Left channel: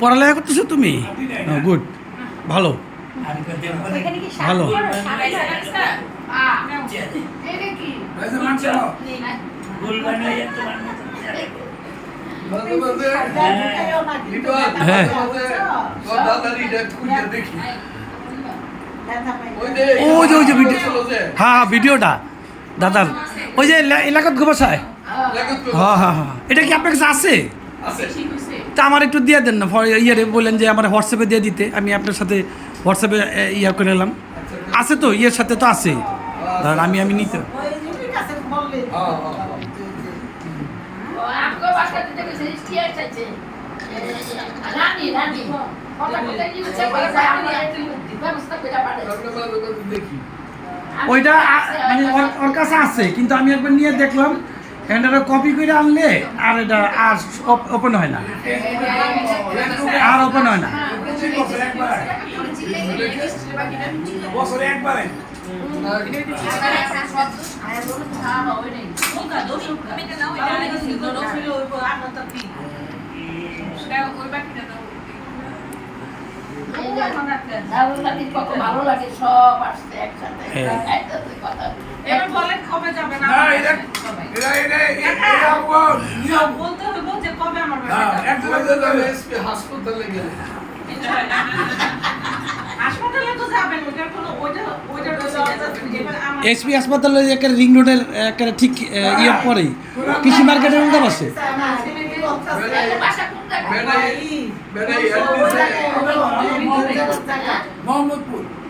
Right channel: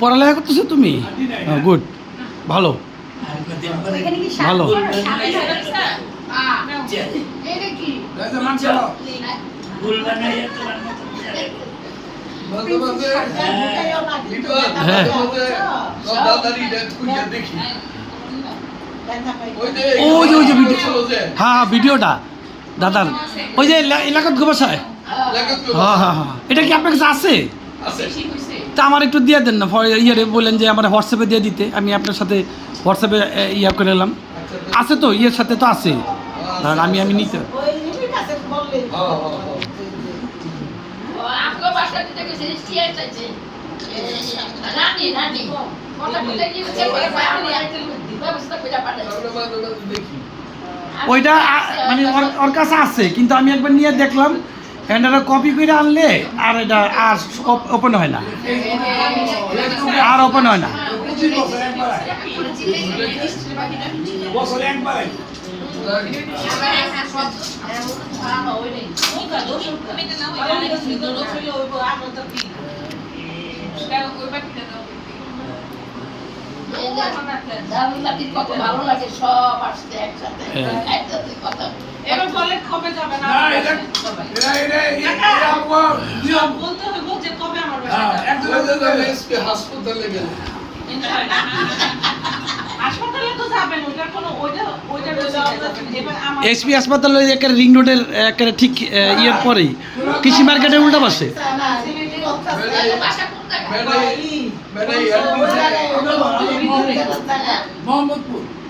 পড়ালেখা করতেছো তুমি? গুড, ভালো ভালো। ওই যে ভিডিও, হ্যাঁ ভিডিওটা দাদার, ওই যে এলাকাত গোবাসায়। হ্যাঁ হ্যাঁ হ্যাঁ, এটা কি আপনার কাছে আছে? তা আমার একটু দিয়ে দেন না, ইয়ে বললেন যে আমার হোয়াটসঅ্যাপে দিয়ে দিতে, আমি আপনার সাথে হোয়াটসঅ্যাপে ইয়ে করে এলাম। আছে তো, ইয়ের সাথে তো আছে, ধর আমি নিতে। ওইটা মানে ওর কাছে আছে, কিন্তু আমি একবার নিয়ে দেখলাম, এটা কপি করে আনলে আর এটা আর ওপেন হয় না, আর ওপেন হয় না। কত ভালো লাগে, সব আসছে একসাথে একসাথে কথা। এবার বলেন কবে যাবেন? বলতে হবে যে কবে আমার বাসায় হাসপাতালে গেলে হাসপাতালে তো যাবেন, ওটার কোনো এসপি হাসপাতালে একটা রিং রোডের একটা ঠিক ইয়ের পরেই কৃষি মার্কেটের উল্টা পাশে। মোহাম্মদপুর।